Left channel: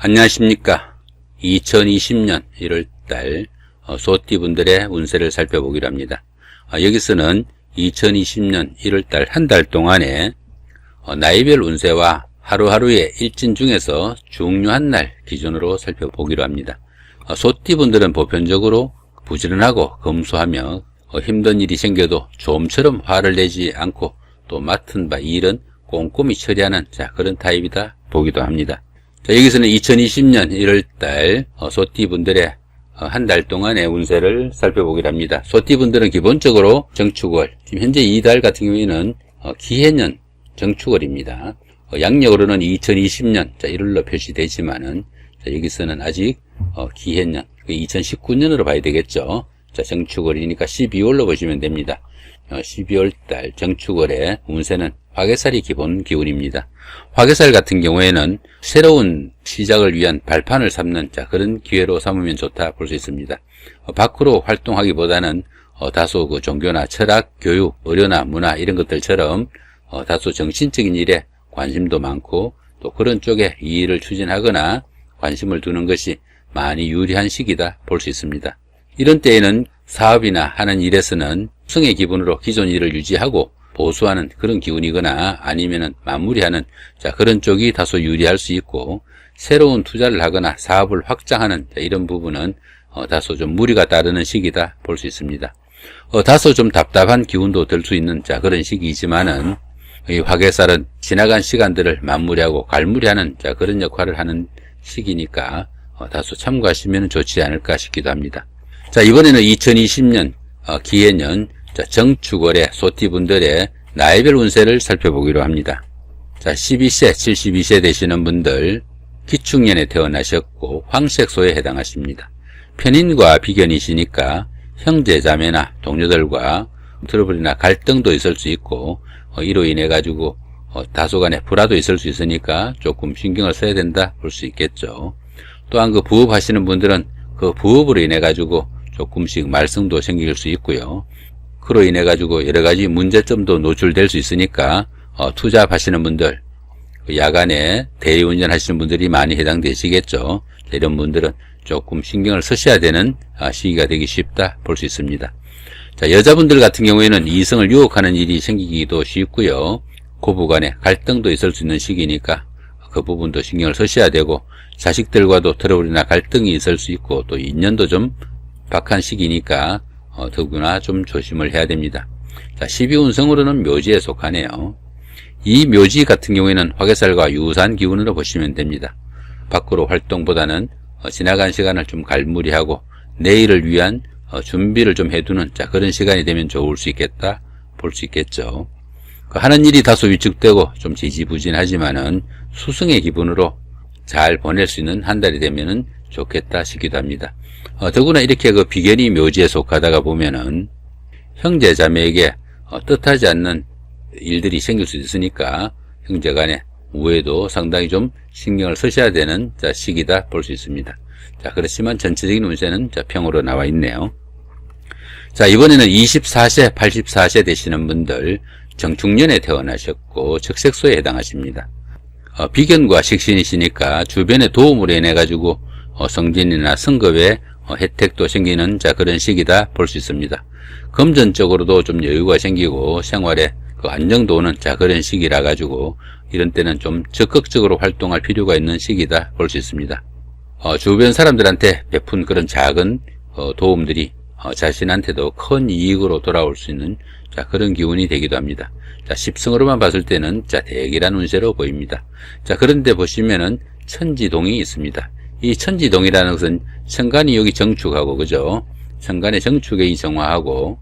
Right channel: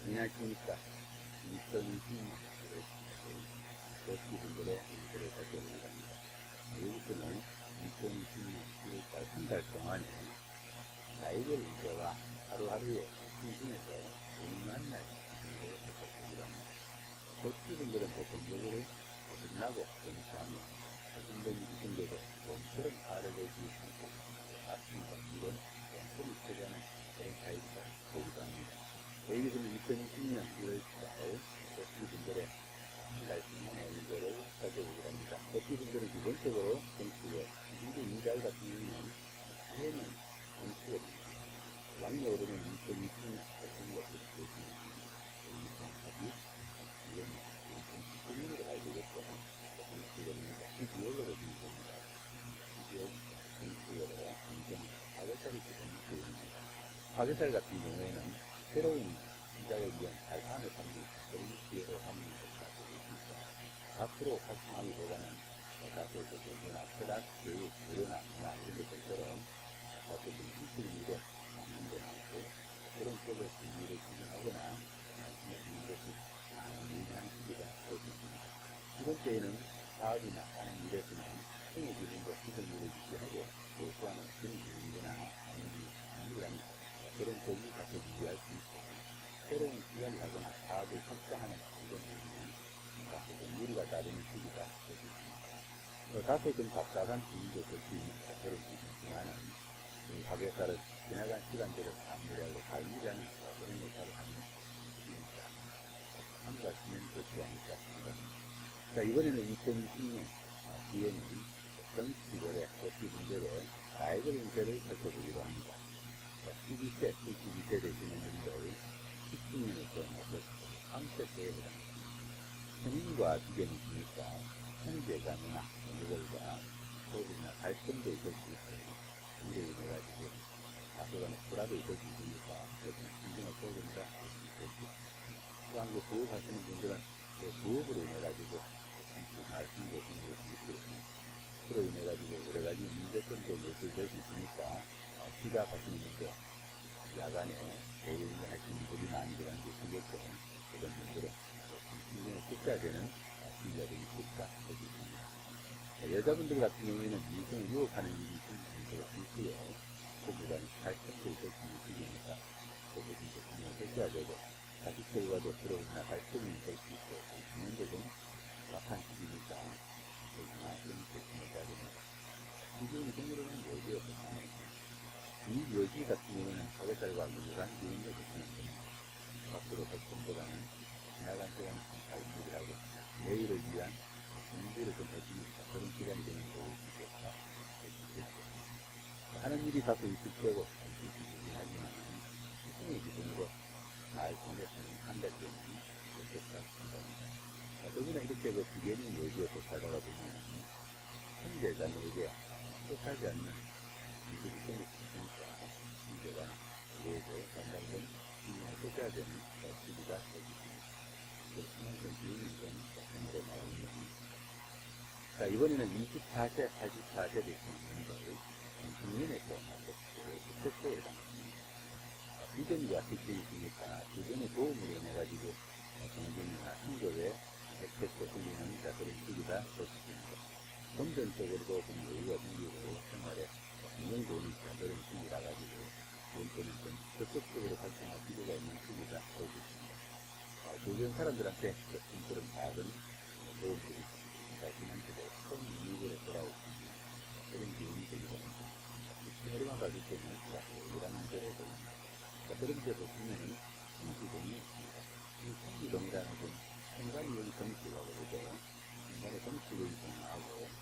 안녕하십니까. 2020년 1월달 소띠분들의 운세를 살펴보기로 합니다. 여기서는 2020년 1월달 한 달 동안의 나이별 운세와 하루하루의 일진 중에서 중요한 날 기준으로 살펴보기로 합니다. 소띠분들은 보편적으로 부지런하고 검소하며 힘든 일이 생겨도 좀처럼 화를 내지 않고 또 맡은 바 일은 꼼꼼히 처리하는 그런 타입이다 보기도 합니다. 여기서는 2020년 1월달 소띠분들의 한 달 동안의 운세를 살펴보기로 합니다. 소띠분들은 기본적으로 정축월, 지금 현재 이달 같은 경우에는 기해년 정축월입니다. 양력으로는 2020년 1월로 표시되지만은 여기서는 아직 기해년 2019년으로 봐야 되겠죠. 정축월이니까 12월로 보시면 됩니다. 12월달 정축월의 운세는 화개살이 기본 기운입니다. 화개살 같은 경우에는 새로운 시작을 위한 발판을 삼는 그런 기회로 삼으면 좋다 볼 수 있습니다. 밖으로 활동하기보다는 다소 종교나 철학, 교육, 의료나 문화 이런 것들처럼 다소 정신적인 일에 관심도 많고 또 그런 쪽에 이 일을 추진하거나 관심을 두는 것이 많이 유리한 시기다 볼 수 있습니다. 이런 때에는 사업이나 하는 일에서는 승의 기분으로 기존 일을 유지하고 보수하는 그런 기운이거나 아니면은 마무리하는 그런 쪽이 다소 유리할 수 있고, 새로운 투자를 하거나 사업을 확장하는 이런 부분은 다소 좀 무리가 따르는 시기다 볼 수 있습니다. 다소 좀 답답한 기운도 들 수 있는 그런 시기이지만은 이 화개살은 지나간 시간들을 마무리하고 갈무리하는 그런 역할을 하는 시기니까 다소 참고하시면 좋지 않을까 싶기도 합니다. 이번에는 2020년 기해년 정축월의 소띠분들의 나이별 운세를 살펴보기로 합니다. 12세, 72세 되시는 분들 기축년에 태어나셨고 황색소에 해당하십니다. 편인과 비견이시니까 형제 자매나 동료들과 트러블이나 갈등도 있을 수 있고 이로 인해 가지고 다소간의 불화도 있을 수 있으니까 조금 신경을 써야 된다 볼 수 있겠죠. 또한 그 부업 하시는 분들은 그 부업으로 인해 가지고 조금씩 말썽도 생길 수 있고요. 그로 인해 가지고 여러 가지 문제점도 노출될 수 있으니까 투잡하시는 분들, 야간에 대리운전 하시는 분들이 많이 해당되시겠죠. 이런 분들은 조금 신경을 쓰셔야 되는 시기가 되기 쉽다 볼 수 있습니다. 여자분들 같은 경우에는 이성을 유혹하는 일이 생기기도 쉽고요. 고부간에 갈등도 있을 수 있는 시기니까 그 부분도 신경을 쓰셔야 되고, 자식들과도 트러블이나 갈등이 있을 수 있고 또 인연도 좀 박한 시기니까 더구나 좀 조심을 해야 됩니다. 12운성으로는 묘지에 속하네요. 이 묘지 같은 경우에는 화개살과 유사한 기운으로 보시면 됩니다. 밖으로 활동보다는 지나간 시간을 좀 갈무리하고 내일을 위한 준비를 좀 해두는 그런 시간이 되면 좋을 수 있겠다 볼 수 있겠죠. 하는 일이 다소 위축되고 좀 지지부진하지만은 수승의 기분으로 잘 보낼 수 있는 한 달이 되면은 좋겠다 싶기도 합니다. 더구나 이렇게 그 비견이 묘지에 속하다가 보면은 형제 자매에게 뜻하지 않는 일들이 생길 수 있으니까 형제 간의 우애도 상당히 좀 신경을 쓰셔야 되는 시기다 볼 수 있습니다. 그렇지만 전체적인 운세는 평으로 나와 있네요. 이번에는 24세, 84세 되시는 분들 정축년에 태어나셨고 적색소에 해당하십니다. 비견과 식신이시니까 주변의 도움으로 인해 가지고 성진이나 성급에 혜택도 생기는 그런 시기다 볼 수 있습니다. 금전적으로도 좀 여유가 생기고 생활에 그 안정도 오는 그런 시기라 가지고 이런 때는 좀 적극적으로 활동할 필요가 있는 시기다 볼 수 있습니다. 주변 사람들한테 베푼 그런 작은 도움들이 자신한테도 큰 이익으로 돌아올 수 있는 그런 기운이 되기도 합니다. 십성으로만 봤을 때는 대기란 운세로 보입니다. 그런데 보시면은 천지동이 있습니다. 이 천지동이라는 것은 천간이 여기 정축하고, 그죠? 천간의 정축에 이 정화하고,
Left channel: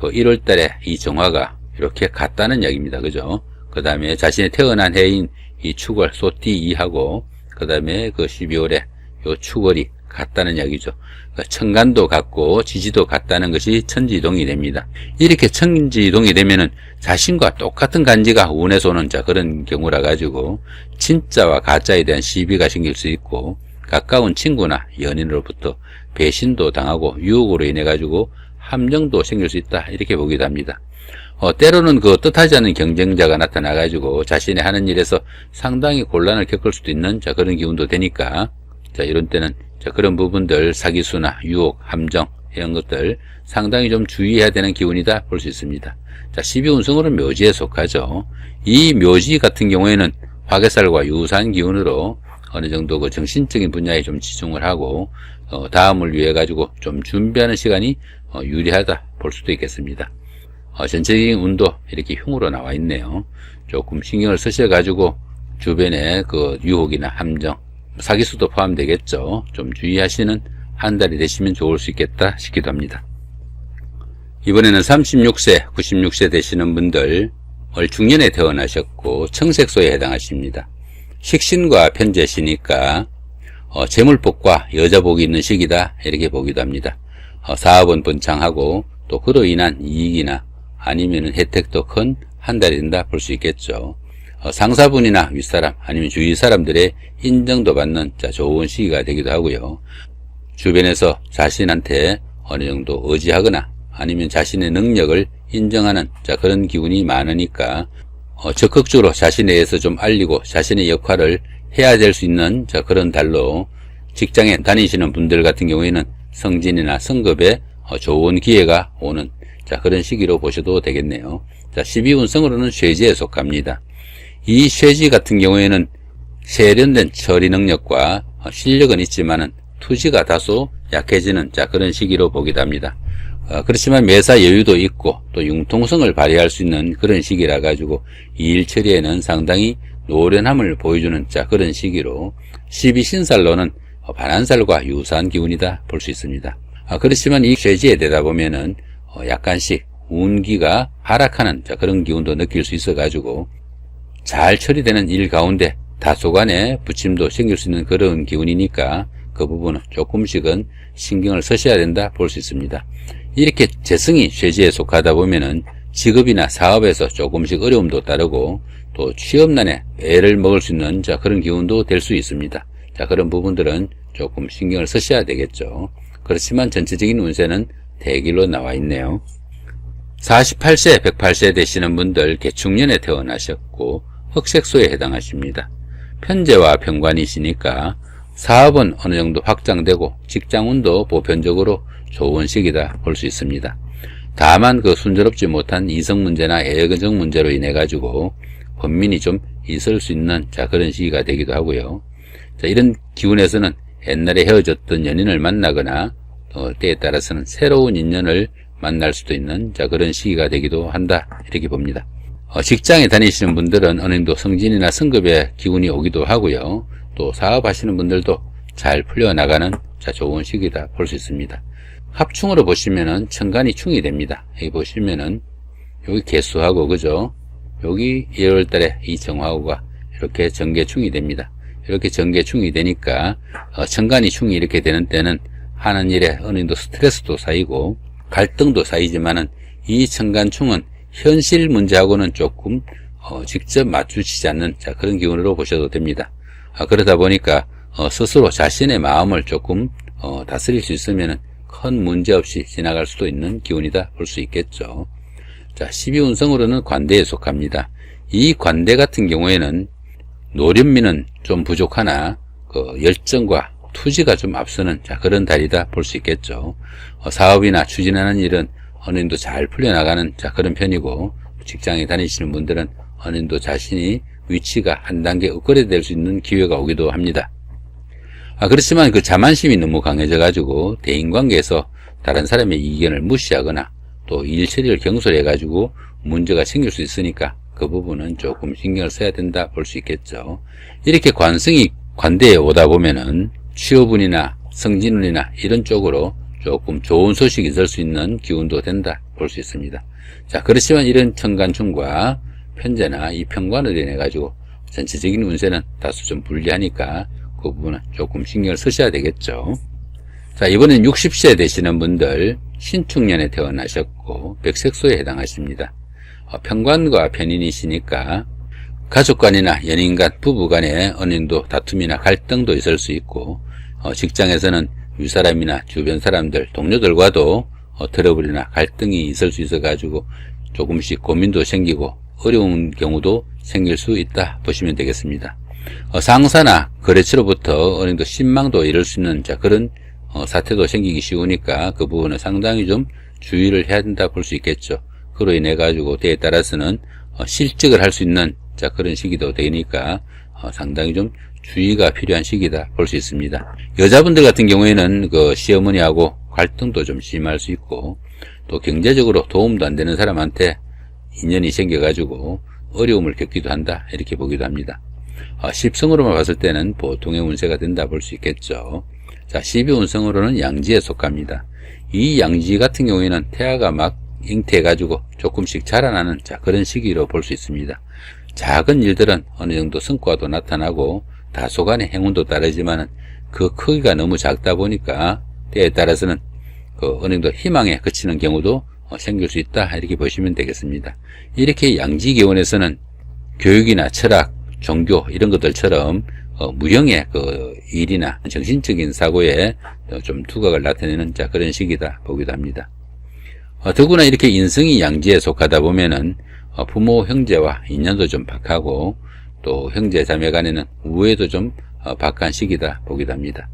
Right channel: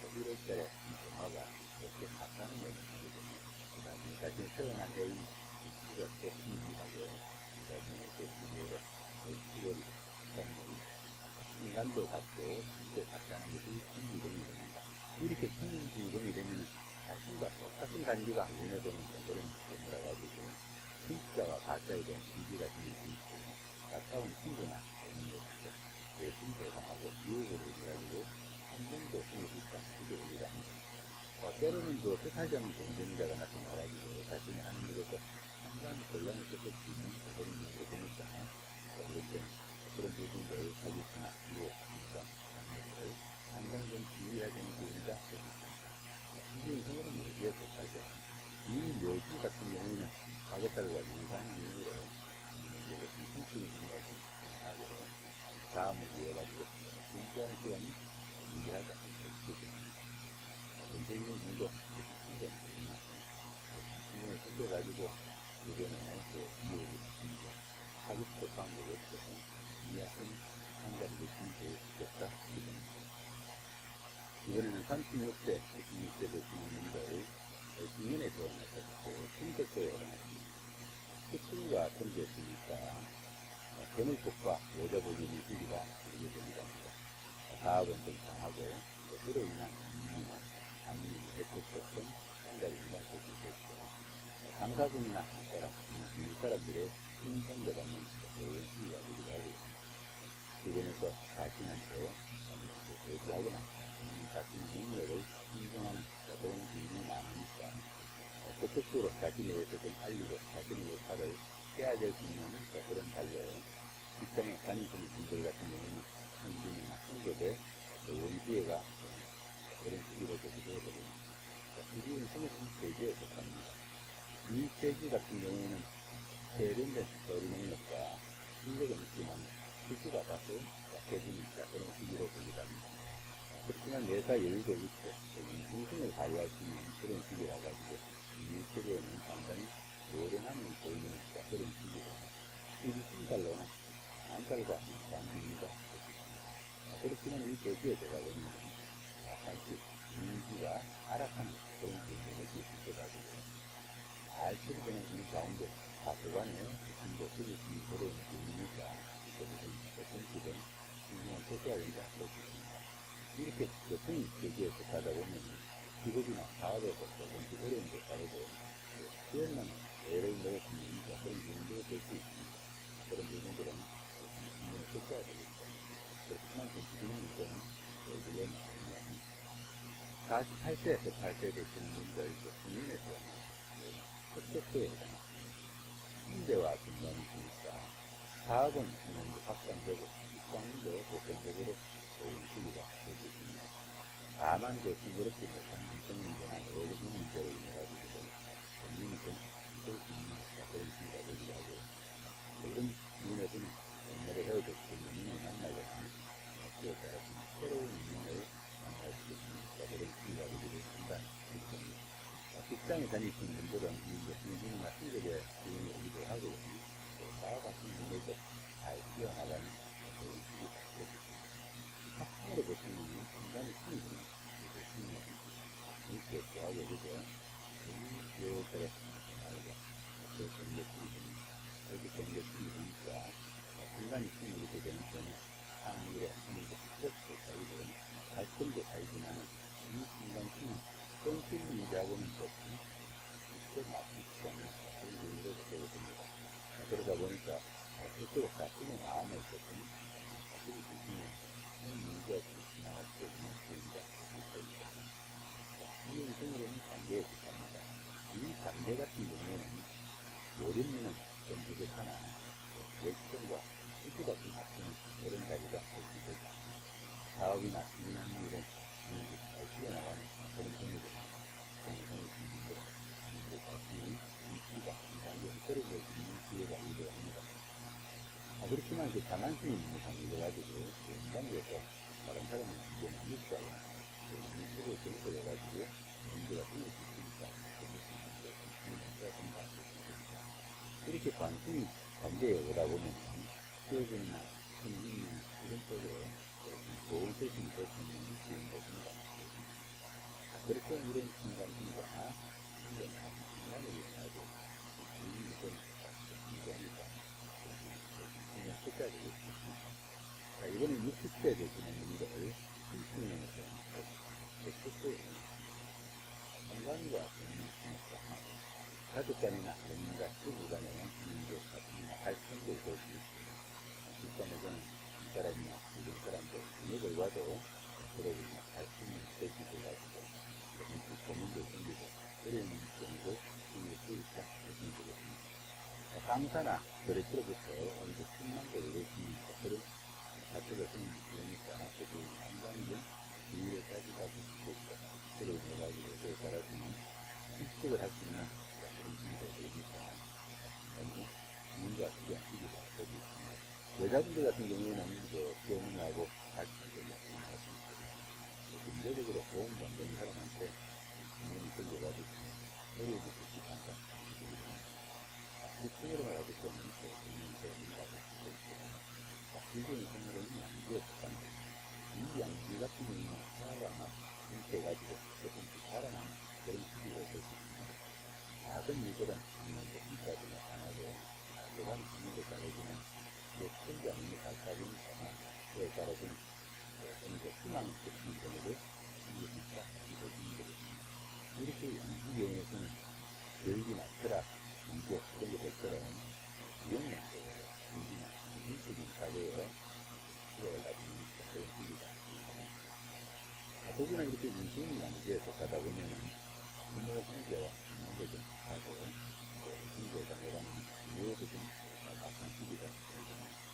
그 1월달에 이 정화가 이렇게 같다는 이야기입니다. 그죠? 그 다음에 자신의 태어난 해인 이 축월, 소띠 2하고, 그 다음에 그 12월에 요 축월이 같다는 이야기죠. 그러니까 천간도 같고, 지지도 같다는 것이 천지동이 됩니다. 이렇게 천지동이 되면은 자신과 똑같은 간지가 운에서 오는 그런 경우라 가지고, 진짜와 가짜에 대한 시비가 생길 수 있고, 가까운 친구나 연인으로부터 배신도 당하고 유혹으로 인해 가지고 함정도 생길 수 있다 이렇게 보기도 합니다. 때로는 그 뜻하지 않은 경쟁자가 나타나가지고 자신의 하는 일에서 상당히 곤란을 겪을 수도 있는 그런 기운도 되니까 이런 때는 그런 부분들 사기수나 유혹, 함정 이런 것들 상당히 좀 주의해야 되는 기운이다 볼 수 있습니다. 12운성으로는 묘지에 속하죠. 이 묘지 같은 경우에는 화개살과 유사한 기운으로 어느 정도 그 정신적인 분야에 좀 치중을 하고 다음을 위해 가지고 좀 준비하는 시간이 유리하다 볼 수도 있겠습니다. 전체적인 운도 이렇게 흉으로 나와 있네요. 조금 신경을 쓰셔 가지고 주변에 그 유혹이나 함정, 사기수도 포함되겠죠. 좀 주의하시는 한 달이 되시면 좋을 수 있겠다 싶기도 합니다. 이번에는 36세, 96세 되시는 분들 중년에 태어나셨고 청색소에 해당하십니다. 식신과 편재시니까 재물복과 여자복이 있는 시기다 이렇게 보기도 합니다. 사업은 번창하고 또 그로 인한 이익이나 아니면 혜택도 큰 한 달이 된다 볼 수 있겠죠. 상사분이나 윗사람 아니면 주위 사람들의 인정도 받는 좋은 시기가 되기도 하고요. 주변에서 자신한테 어느 정도 의지하거나 아니면 자신의 능력을 인정하는 그런 기운이 많으니까 적극적으로 자신에 대해서 좀 알리고 자신의 역할을 해야 될 수 있는 그런 달로 직장에 다니시는 분들 같은 경우에는 승진이나 승급에 좋은 기회가 오는 그런 시기로 보셔도 되겠네요. 12운성으로는 쇠지에 속합니다. 이 쇠지 같은 경우에는 세련된 처리 능력과 실력은 있지만은 투지가 다소 약해지는 그런 시기로 보기도 합니다. 그렇지만 매사 여유도 있고 또 융통성을 발휘할 수 있는 그런 시기라 가지고 일 처리에는 상당히 노련함을 보여주는 그런 시기로 12신살로는 반한살과 유사한 기운이다 볼 수 있습니다. 그렇지만 이 쇠지에 되다 보면은 약간씩 운기가 하락하는 그런 기운도 느낄 수 있어 가지고 잘 처리되는 일 가운데 다소간의 부침도 생길 수 있는 그런 기운이니까 그 부분은 조금씩은 신경을 쓰셔야 된다 볼 수 있습니다. 이렇게 재성이 쇠지에 속하다 보면은 직업이나 사업에서 조금씩 어려움도 따르고 또 취업난에 애를 먹을 수 있는 그런 기운도 될 수 있습니다. 그런 부분들은 조금 신경을 쓰셔야 되겠죠. 그렇지만 전체적인 운세는 대길로 나와 있네요. 48세, 108세 되시는 분들 개축년에 태어나셨고 흑색소에 해당하십니다. 편재와 편관이시니까 사업은 어느 정도 확장되고 직장운도 보편적으로 좋은 시기다 볼 수 있습니다. 다만 그 순조롭지 못한 이성 문제나 애정 문제로 인해 가지고 권민이 좀 있을 수 있는 그런 시기가 되기도 하고요. 이런 기운에서는 옛날에 헤어졌던 연인을 만나거나 때에 따라서는 새로운 인연을 만날 수도 있는 그런 시기가 되기도 한다 이렇게 봅니다. 직장에 다니시는 분들은 어느 정도 승진이나 승급의 기운이 오기도 하고요. 또 사업하시는 분들도 잘 풀려나가는 좋은 시기다 볼 수 있습니다. 합충으로 보시면은 천간이 충이 됩니다. 여기 보시면은 여기 개수하고 그죠? 여기 1월 달에 이 정화호가 이렇게 전개충이 됩니다. 이렇게 전개충이 되니까 천간이 충이 이렇게 되는 때는 하는 일에 어느 정도 스트레스도 쌓이고 갈등도 쌓이지만은 이 천간충은 현실 문제하고는 조금 직접 맞추시지 않는 그런 기운으로 보셔도 됩니다. 그러다 보니까 스스로 자신의 마음을 조금 다스릴 수 있으면은 큰 문제 없이 지나갈 수도 있는 기운이다 볼 수 있겠죠. 12운성으로는 관대에 속합니다. 이 관대 같은 경우에는 노련미는 좀 부족하나 열정과 투지가 좀 앞서는 그런 달이다 볼 수 있겠죠. 사업이나 추진하는 일은 어느 정도 잘 풀려나가는 그런 편이고 직장에 다니시는 분들은 어느 정도 자신이 위치가 한 단계 업그레이드 될 수 있는 기회가 오기도 합니다. 그렇지만 그 자만심이 너무 강해져 가지고 대인관계에서 다른 사람의 의견을 무시하거나 또 일 처리를 경솔해 가지고 문제가 생길 수 있으니까 그 부분은 조금 신경을 써야 된다 볼 수 있겠죠. 이렇게 관성이 관대에 오다 보면은 취업운이나 승진운이나 이런 쪽으로 조금 좋은 소식이 있을 수 있는 기운도 된다 볼 수 있습니다. 그렇지만 이런 천간충과 편재나 이 편관으로 인해 가지고 전체적인 운세는 다소 좀 불리하니까 그 부분은 조금 신경을 쓰셔야 되겠죠. 이번엔 60세 되시는 분들 신축년에 태어나셨고 백색소에 해당하십니다. 편관과 편인이시니까 가족간이나 연인간, 부부간에 어느 정도 다툼이나 갈등도 있을 수 있고 직장에서는 윗사람이나 주변 사람들, 동료들과도 트러블이나 갈등이 있을 수 있어 가지고 조금씩 고민도 생기고 어려운 경우도 생길 수 있다 보시면 되겠습니다. 상사나 거래처로부터 어느 정도 신망도 이룰 수 있는 그런 사태도 생기기 쉬우니까 그 부분은 상당히 좀 주의를 해야 된다 볼 수 있겠죠. 그로 인해 가지고 때에 따라서는 실직을 할 수 있는 그런 시기도 되니까 상당히 좀 주의가 필요한 시기다 볼 수 있습니다. 여자분들 같은 경우에는 그 시어머니하고 갈등도 좀 심할 수 있고, 또 경제적으로 도움도 안 되는 사람한테 인연이 생겨가지고 어려움을 겪기도 한다 이렇게 보기도 합니다. 10성으로만 봤을 때는 보통의 운세가 된다 볼 수 있겠죠. 자, 12운성으로는 양지에 속합니다. 이 양지 같은 경우에는 태아가 막 잉태해가지고 조금씩 자라나는 그런 시기로 볼 수 있습니다. 작은 일들은 어느 정도 성과도 나타나고 다소간의 행운도 따르지만은 그 크기가 너무 작다 보니까 때에 따라서는 그 어느 정도 희망에 그치는 경우도 생길 수 있다 이렇게 보시면 되겠습니다. 이렇게 양지 기운에서는 교육이나 철학, 종교 이런 것들처럼 무형의 그 일이나 정신적인 사고에 좀 두각을 나타내는 그런 시기다 보기도 합니다. 더구나 이렇게 인성이 양지에 속하다 보면은 부모 형제와 인연도 좀 박하고, 또 형제 자매 간에는 우애도 좀 박한 시기다 보기도 합니다.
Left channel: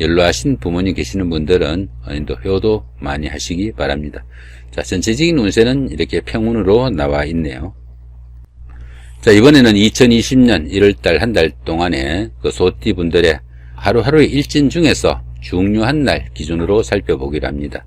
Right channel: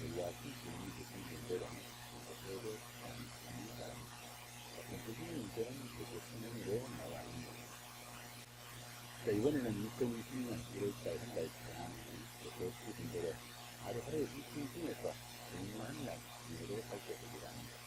연로하신 부모님 계시는 분들은 또 효도 많이 하시기 바랍니다. 자, 전체적인 운세는 이렇게 평운으로 나와 있네요. 자, 이번에는 2020년 1월달 한 달 동안에 그 소띠 분들의 하루하루의 일진 중에서 중요한 날 기준으로 살펴보기로 합니다.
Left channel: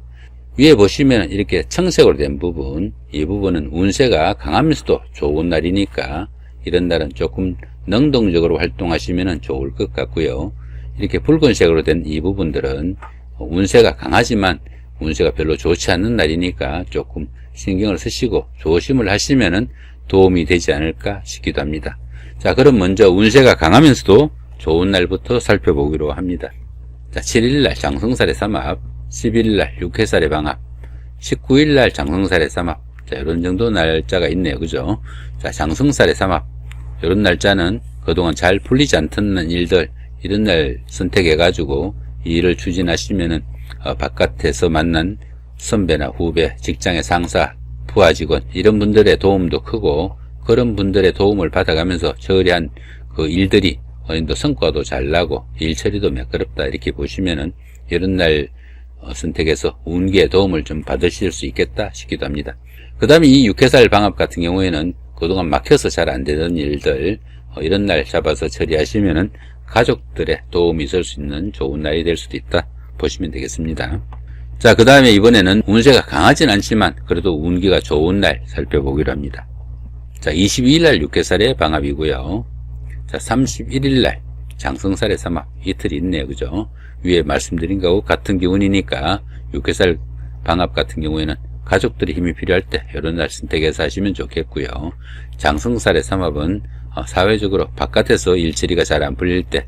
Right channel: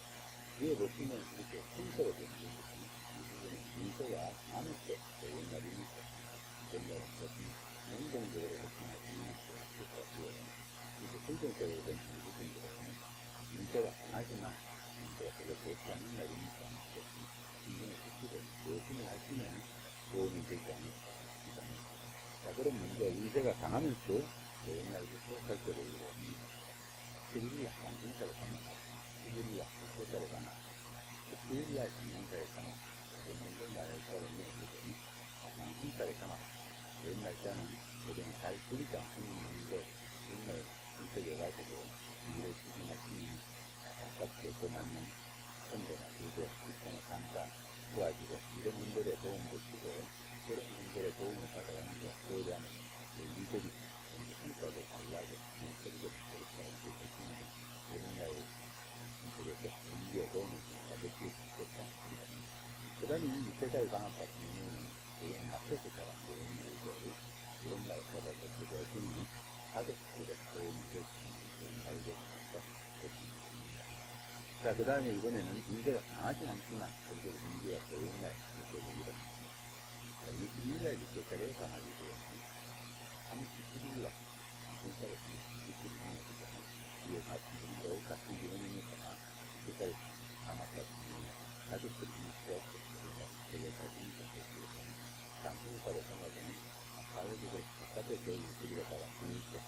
위에 보시면 이렇게 청색으로 된 부분, 이 부분은 운세가 강하면서도 좋은 날이니까 이런 날은 조금 능동적으로 활동하시면 좋을 것 같고요. 이렇게 붉은색으로 된 이 부분들은 운세가 강하지만 운세가 별로 좋지 않는 날이니까 조금 신경을 쓰시고 조심을 하시면 도움이 되지 않을까 싶기도 합니다. 자, 그럼 먼저 운세가 강하면서도 좋은 날부터 살펴보기로 합니다. 자, 7일날 장성살의 삼합, 10일날 육해살의 방합, 19일날 장성살의 삼합. 자, 이런 정도 날짜가 있네요. 그죠? 자, 장성살의 삼합. 이런 날짜는 그동안 잘 풀리지 않던 일들, 이런 날 선택해가지고 이 일을 추진하시면은 바깥에서 만난 선배나 후배, 직장의 상사, 부하 직원, 이런 분들의 도움도 크고, 그런 분들의 도움을 받아가면서 처리한 그 일들이 어느 정도 성과도 잘 나고 일 처리도 매끄럽다 이렇게 보시면은 이런 날 선택해서 운기의 도움을 좀 받으실 수 있겠다 싶기도 합니다. 그 다음에 이 육해살 방합 같은 경우에는 그동안 막혀서 잘 안 되던 일들 이런 날 잡아서 처리하시면은 가족들의 도움이 있을 수 있는 좋은 날이 될 수도 있다 보시면 되겠습니다. 자, 그 다음에 이번에는 운세가 강하진 않지만 그래도 운기가 좋은 날 살펴보기로 합니다. 자, 22일날 육해살의 방합이고요. 자, 31일날 장성살의 삼합, 이틀이 있네요. 그죠? 위에 말씀드린 거하고 같은 기운이니까 육해살 방합 같은 경우에는 가족들의 힘이 필요할 때 이런 날 선택해서 하시면 좋겠고요. 장성살의 삼합은 사회적으로 바깥에서 일처리가 잘 안 풀릴 때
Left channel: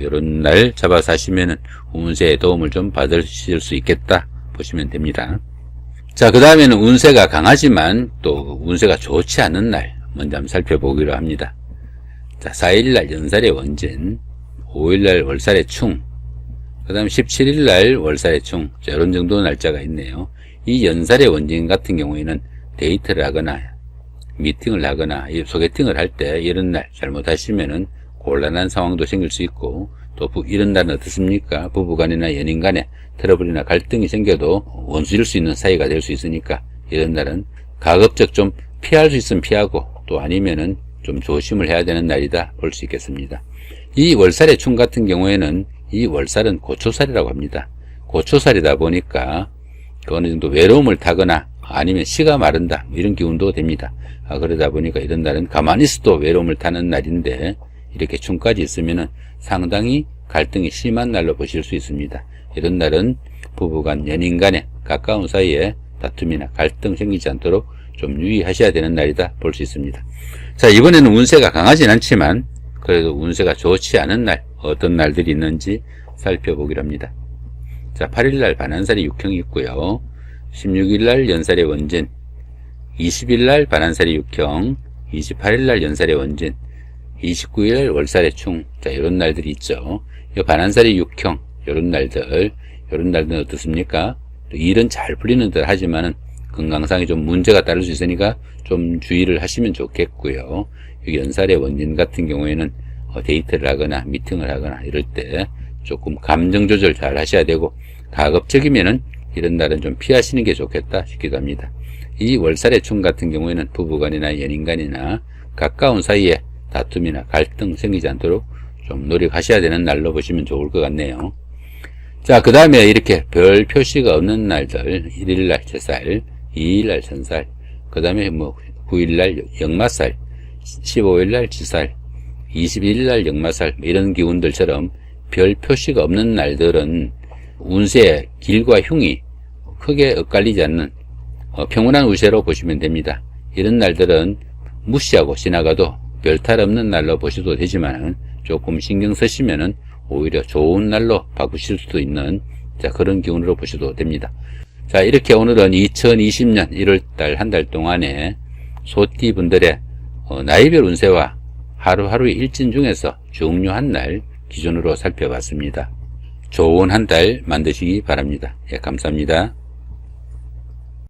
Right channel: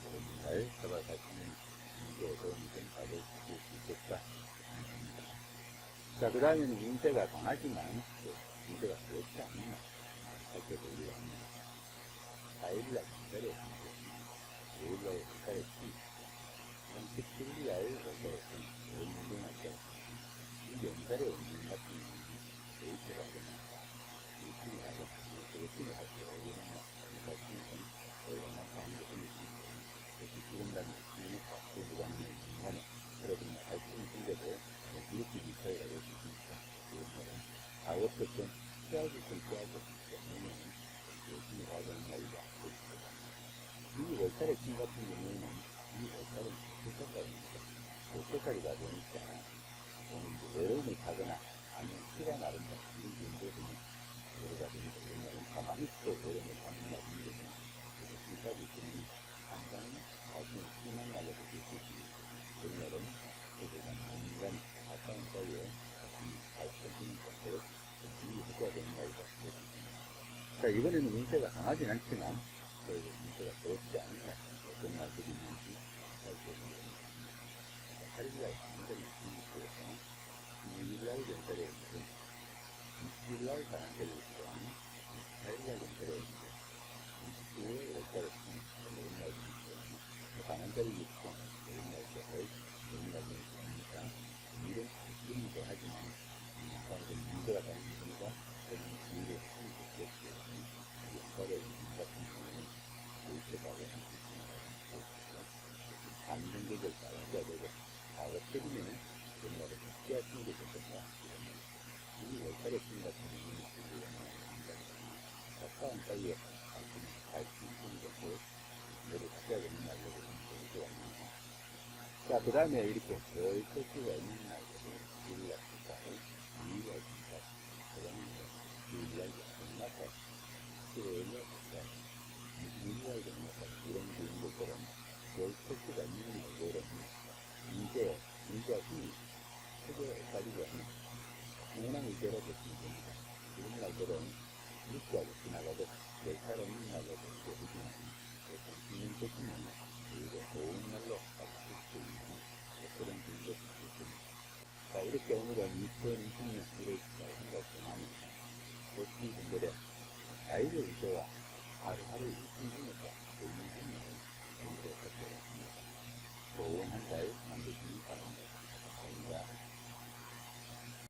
이런 날 잡아서 하시면은 운세의 도움을 좀 받으실 수 있겠다 보시면 됩니다. 자, 그 다음에는 운세가 강하지만 또 운세가 좋지 않은 날 먼저 한번 살펴보기로 합니다. 자, 4일날 연살의 원진, 5일날 월살의 충, 그 다음 17일날 월살의 충. 자, 이런 정도 날짜가 있네요. 이 연살의 원진 같은 경우에는 데이트를 하거나 미팅을 하거나 소개팅을 할 때 이런 날 잘못하시면은 곤란한 상황도 생길 수 있고, 또 이런 날은 어떻습니까? 부부간이나 연인간에 트러블이나 갈등이 생겨도 원수일 수 있는 사이가 될 수 있으니까 이런 날은 가급적 좀 피할 수 있으면 피하고, 또 아니면은 좀 조심을 해야 되는 날이다 볼 수 있겠습니다. 이 월살의 충 같은 경우에는 이 월살은 고초살이라고 합니다. 고초살이다 보니까 어느 정도 외로움을 타거나 아니면 시가 마른다 이런 기운도 됩니다. 그러다 보니까 이런 날은 가만히 있어도 외로움을 타는 날인데 이렇게 충까지 있으면은 상당히 갈등이 심한 날로 보실 수 있습니다. 이런 날은 부부간, 연인간에 가까운 사이에 다툼이나 갈등 생기지 않도록 좀 유의하셔야 되는 날이다 볼 수 있습니다. 자, 이번에는 운세가 강하진 않지만 그래도 운세가 좋지 않은 날 어떤 날들이 있는지 살펴보기로 합니다. 자, 8일날 반한살이 육형이 있고요. 16일날 연살의 원진, 20일날 반한살이 육형, 28일날 연살의 원진, 29일 월살의 충. 자, 이런 날들이 있죠. 이 반한살이 육형, 이런 날들은 어떻습니까? 일은 잘 풀리는 듯 하지만은 건강상에 좀 문제가 따를 수 있으니까 좀 주의를 하시면 좋겠고요. 여기 연살의 원진 같은 경우에는 데이트를 하거나 미팅을 하거나 이럴 때 조금 감정 조절 잘 하셔야 되고, 가급적이면은 이런 날은 좀 피하시는 게 좋겠다 싶기도 합니다. 이 월살의 충 같은 경우에는 부부간이나 연인간이나 가까운 사이에 다툼이나 갈등 생기지 않도록 좀 노력하셔야 되는 날로 보시면 좋을 것 같네요. 자, 그 다음에 이렇게 별 표시가 없는 날들, 1일날 제살, 2일날 천살, 그 다음에 9일날 역마살, 15일날 지살, 21일날 역마살, 이런 기운들처럼 별 표시가 없는 날들은 운세의 길과 흉이 크게 엇갈리지 않는 평온한 운세로 보시면 됩니다. 이런 날들은 무시하고 지나가도 별탈 없는 날로 보셔도 되지만, 조금 신경 쓰시면은 오히려 좋은 날로 바꾸실 수도 있는 그런 기운으로 보셔도 됩니다. 자, 이렇게 오늘은 2020년 1월달 한 달 동안에 소띠 분들의 나이별 운세와 하루하루의 일진 중에서 중요한 날 기준으로 살펴봤습니다. 좋은 한 달 만드시기 바랍니다. 예, 감사합니다.